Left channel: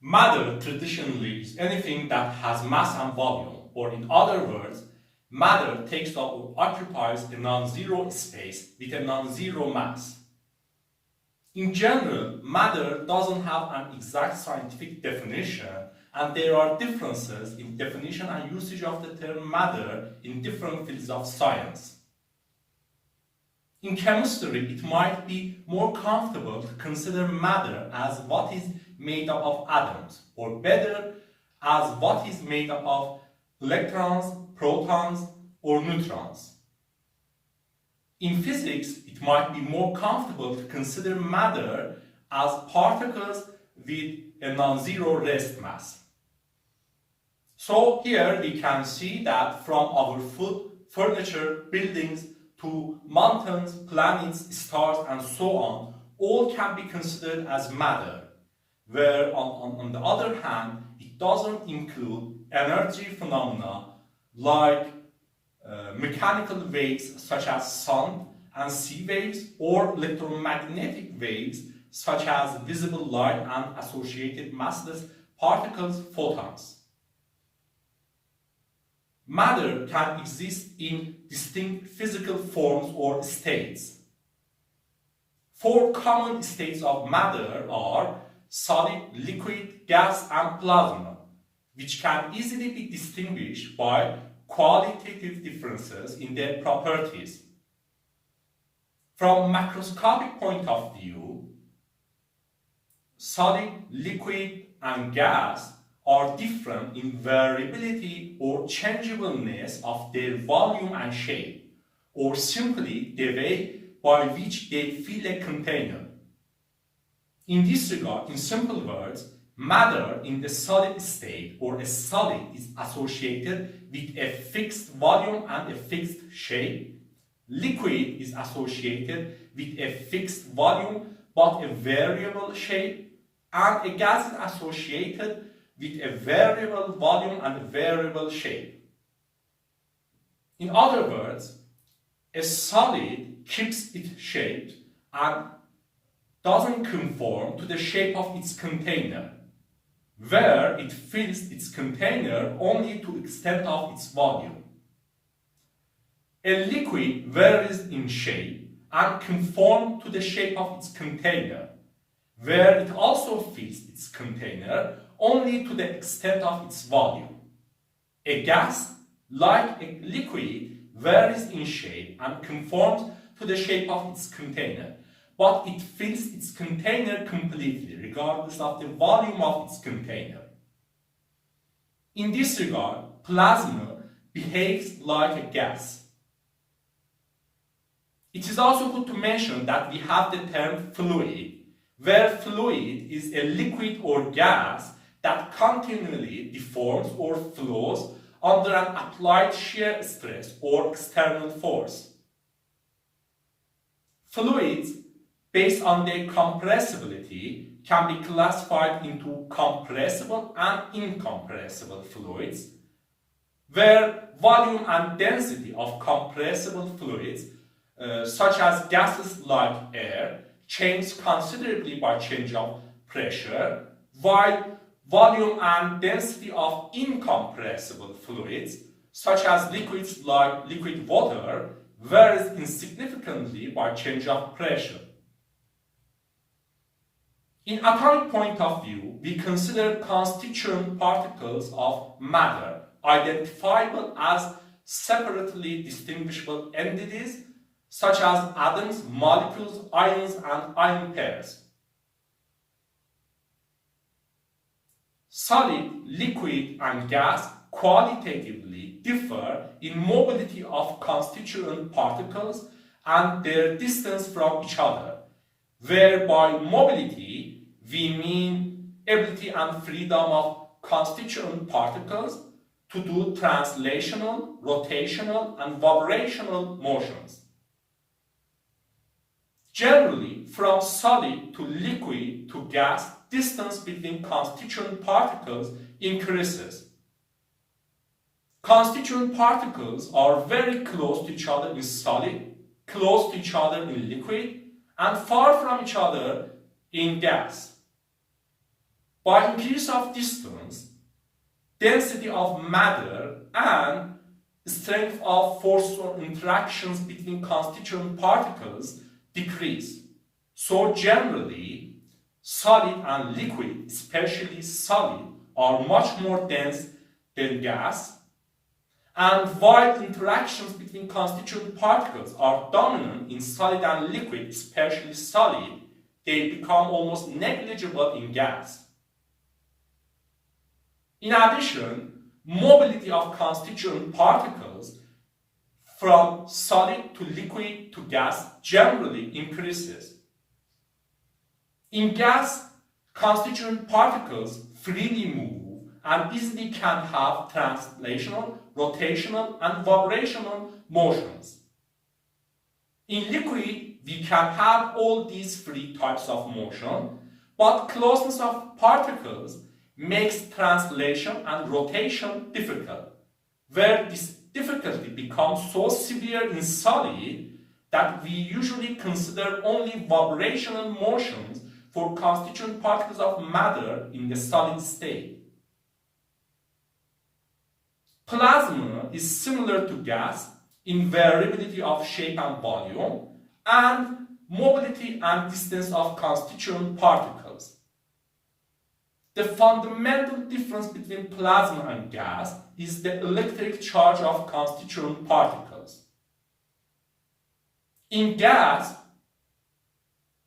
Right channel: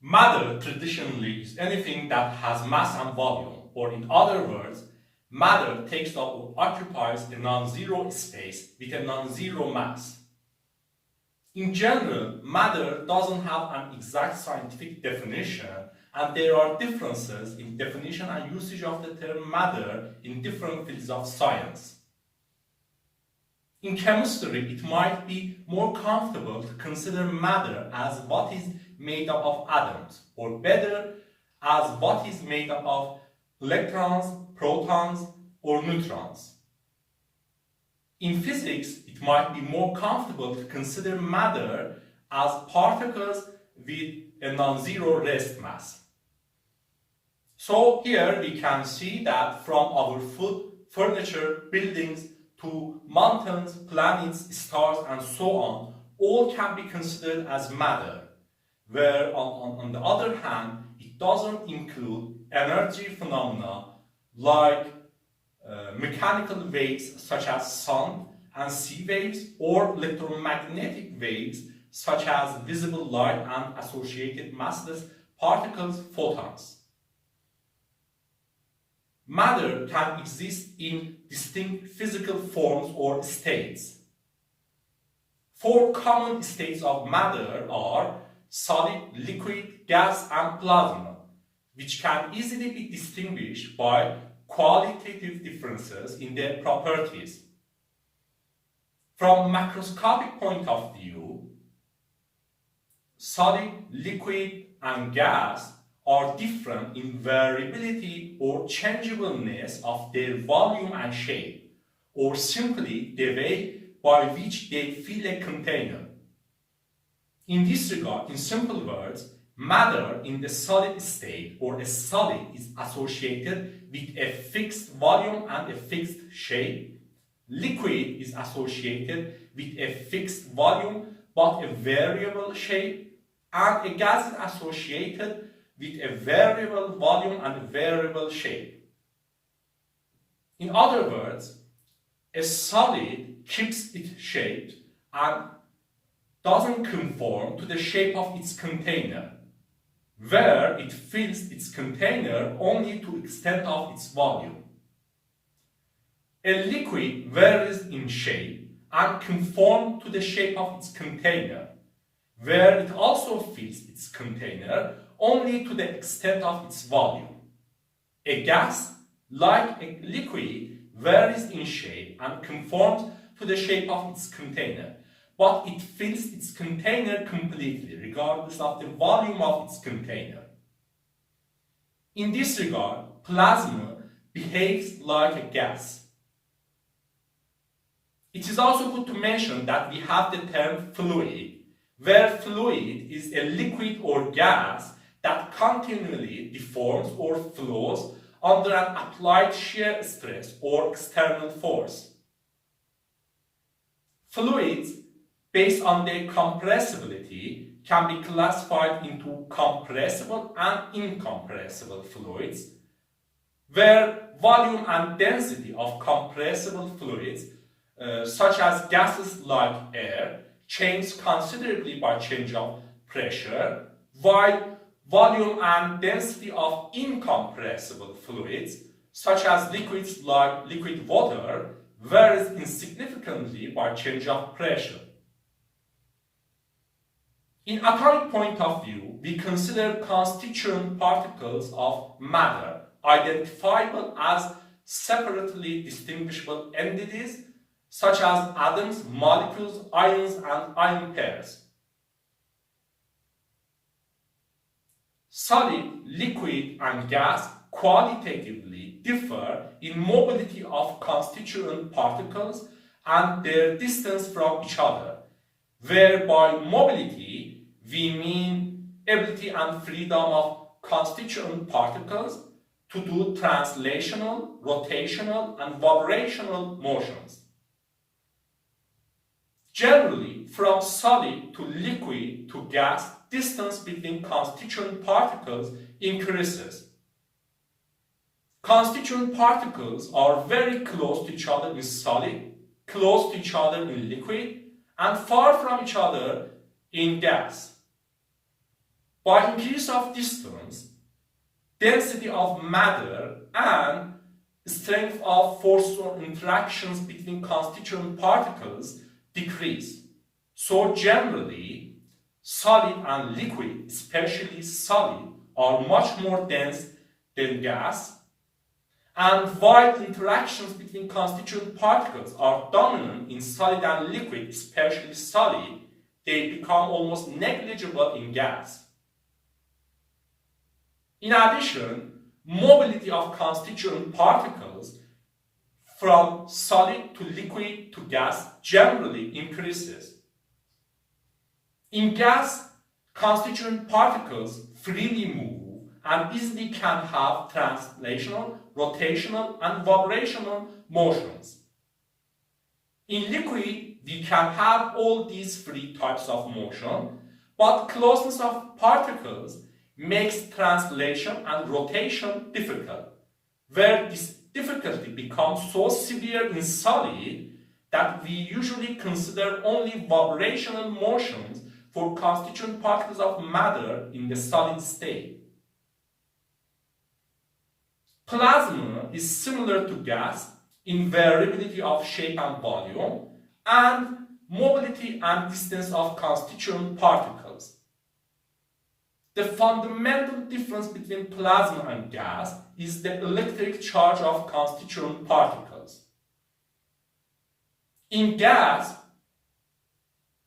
Matter traditionally is anything that has mass and volume, or in other words, matter takes up or occupies a non-zero space with a non-zero mass. In general, matter doesn't have an exact scientific definition, and there are differences in definition and usage of the term matter in different fields of science. In chemistry, it might be more comfortable to consider matter as what is made up of atoms, or better, as what is made up of electrons, protons, or neutrons. In physics, it might be more comfortable to consider matter as particles with a non-zero rest mass. So here we can see that from our food, furniture, buildings, to mountains, planets, stars, and so on, all can be considered as matter, where on the other hand, it doesn't include energy phenomena like mechanical waves such as sound and sea waves, or electromagnetic waves such as visible light and associated massless particles, photons. Matter can exist in distinct physical forms or states. Four common states of matter are solid, liquid, gas, and plasma, which can easily be distinguished by qualitative differences in their properties. From macroscopic point of view, solid, liquid, and gas are different in variability or changeableness of their volume and shape, or simply the way by which they fill a container. In this regard, in simple words, matter in the solid state or a solid is associated with a fixed volume and a fixed shape. Liquid is associated with a fixed volume but a variable shape, and a gas is associated with a variable volume and a variable shape. In other words, a solid keeps its shape and doesn't conform to the shape of its container, where it fills its container only to the extent of its volume. A liquid varies in shape and conforms to the shape of its container, where it also fills its container only to the extent of its volume. A gas, like a liquid, varies in shape and conforms to the shape of its container, but it fills its container completely, regardless of the volume of its container. In this regard, plasma behaves like a gas. It is also good to mention that we have the term fluid, where fluid is a liquid or gas that continually deforms or flows under an applied shear stress or external force. Fluids, based on their compressibility, can be classified into compressible and incompressible fluids, where volume and density of compressible fluids, such as gases like air, change considerably by change of pressure, while volume and density of incompressible fluids, such as liquids like liquid water, varies insignificantly by change of pressure. In atomic point of view, we consider constituent particles of matter identifiable as separately distinguishable entities such as atoms, molecules, ions, and ion pairs. Solid, liquid, and gas qualitatively differ in mobility of constituent particles and their distance from each other, where by mobility we mean ability and freedom of constituent particles to do translational, rotational, and vibrational motions. Generally, from solid to liquid to gas, distance between constituent particles increases. Constituent particles are very close to each other in solid, close to each other in liquid, and far from each other in gas. By increase of distance, density of matter and strength of forces or interactions between constituent particles decrease. So generally, solid and liquid, especially solid, are much more dense than gas. And while interactions between constituent particles are dominant in solid and liquid, especially solid, they become almost negligible in gas. In addition, mobility of constituent particles from solid to liquid to gas generally increases. In gas, constituent particles freely move and easily can have translational, rotational, and vibrational motions. In liquid, we can have all these three types of motion, but closeness of particles makes translation and rotation difficult, where this difficulty becomes so severe in solid that we usually consider only vibrational motions for constituent particles of matter in the solid state. Plasma is similar to gas in variability of shape and volume and mobility and distance of constituent particles. The fundamental difference between plasma and gas is the electric charge of constituent particles. In gas,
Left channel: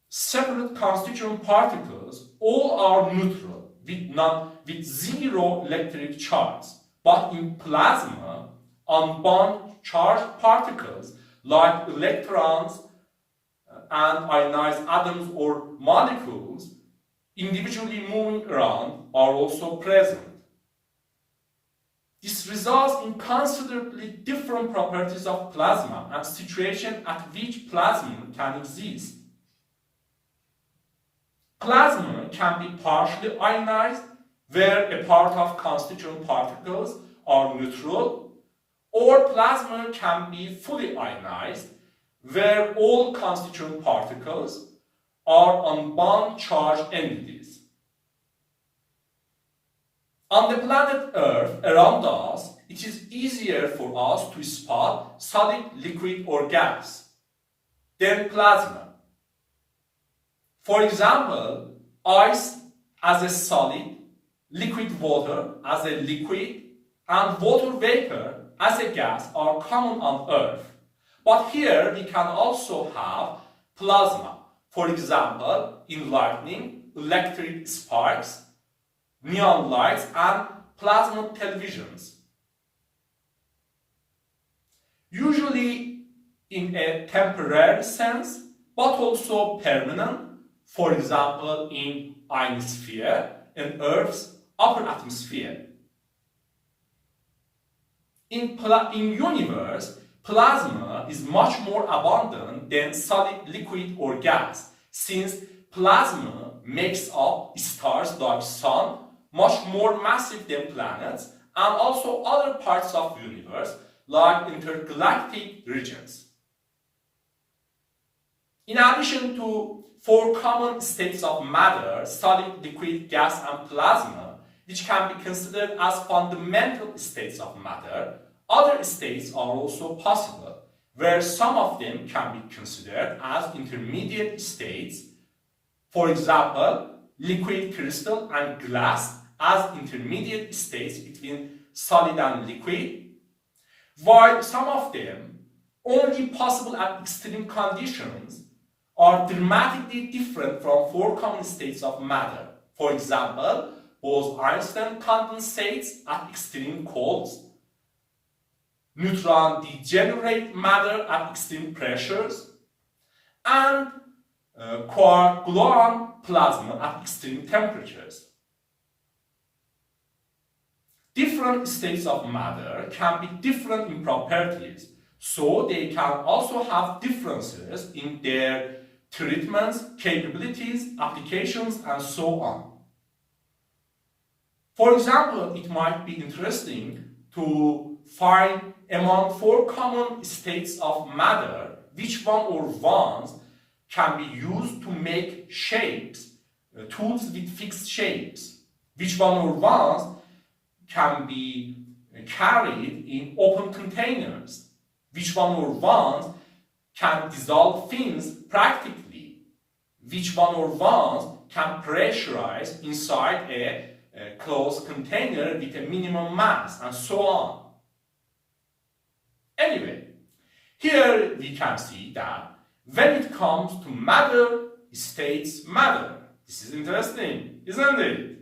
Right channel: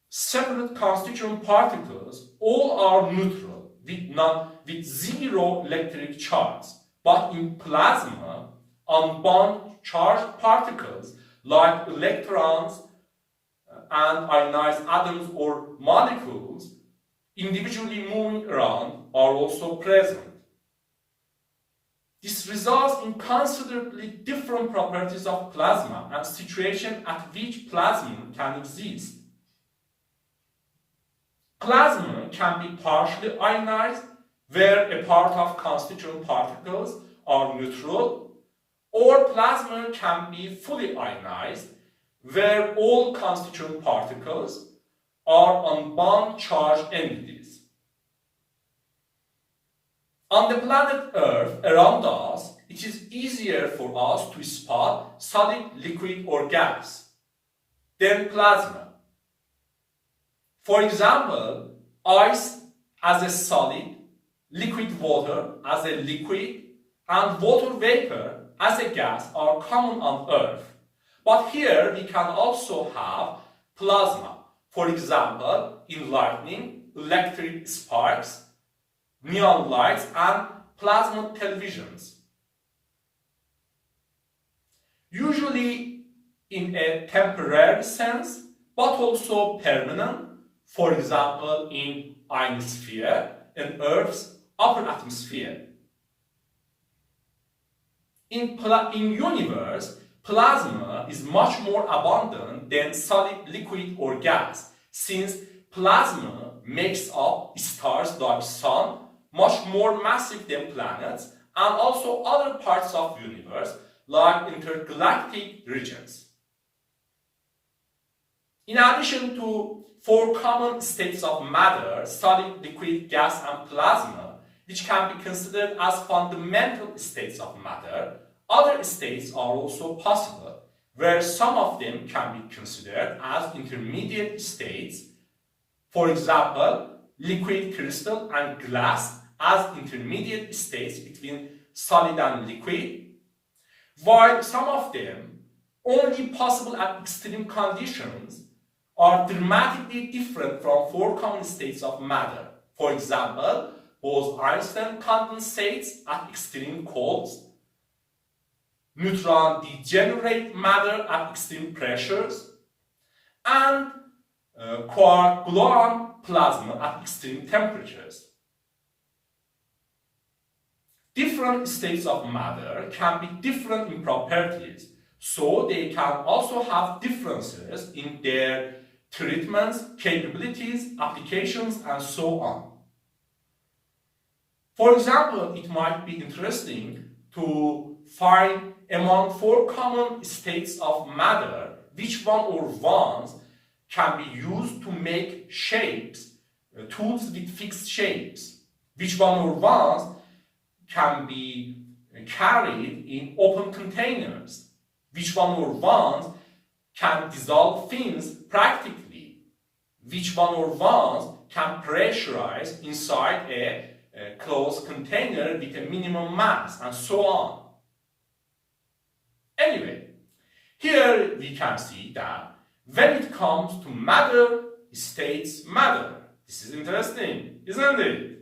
separate constituent particles all are neutral with zero electric charge. But in plasma, unbound charged particles like electrons and ionized atoms or molecules individually moving around are also present. This results in considerably different properties of plasma and situation at which plasma can exist. Plasma can be partially ionized, where a part of constituent particles are neutral, or plasma can be fully ionized, where all constituent particles are unbound charged entities. On the planet Earth around us, it is easier for us to spot solid, liquid, or gas than plasma. For example, ice as a solid, liquid water as a liquid, and water vapor as a gas are common on Earth. But here we can also have plasma. For example, in lightning, electric sparks, neon lights, and plasma televisions. Usually in a temporary sense, but also permanent, for example in ionosphere and Earth's upper atmosphere. In universe, plasma is much more abundant than solid, liquid, or gas, since plasma makes up stars like Sun, much more massive than planets, and also other parts of the universe like intergalactic regions. In addition to four common states of matter, solid, liquid, gas, and plasma, which can be considered as fundamental states of matter, other states are also possible, where some of them can be considered as intermediate states. For example, liquid crystal and glass as intermediate states between solid and liquid, while some of them, only possible at extreme conditions, are dramatically different from four common states of matter. For example, Bose-Einstein condensates at extreme colds, neutron degenerate matter at extreme pressures, and quark-gluon plasma at extreme temperatures. Different states of matter can be different in properties, so they can also have differences in their treatments, capabilities, applications, and so on. For example, it might be interesting to find among four common states of matter which one or ones can be used to make shapes, tools with fixed shapes. which one or ones can be carried in open containers, which one or ones can dissolve things practically, which one or ones can pressurize inside a closed container with a minimum mass, and so on. Anyway, here we can see that when it comes to matter, states matter. This is interesting, isn't it?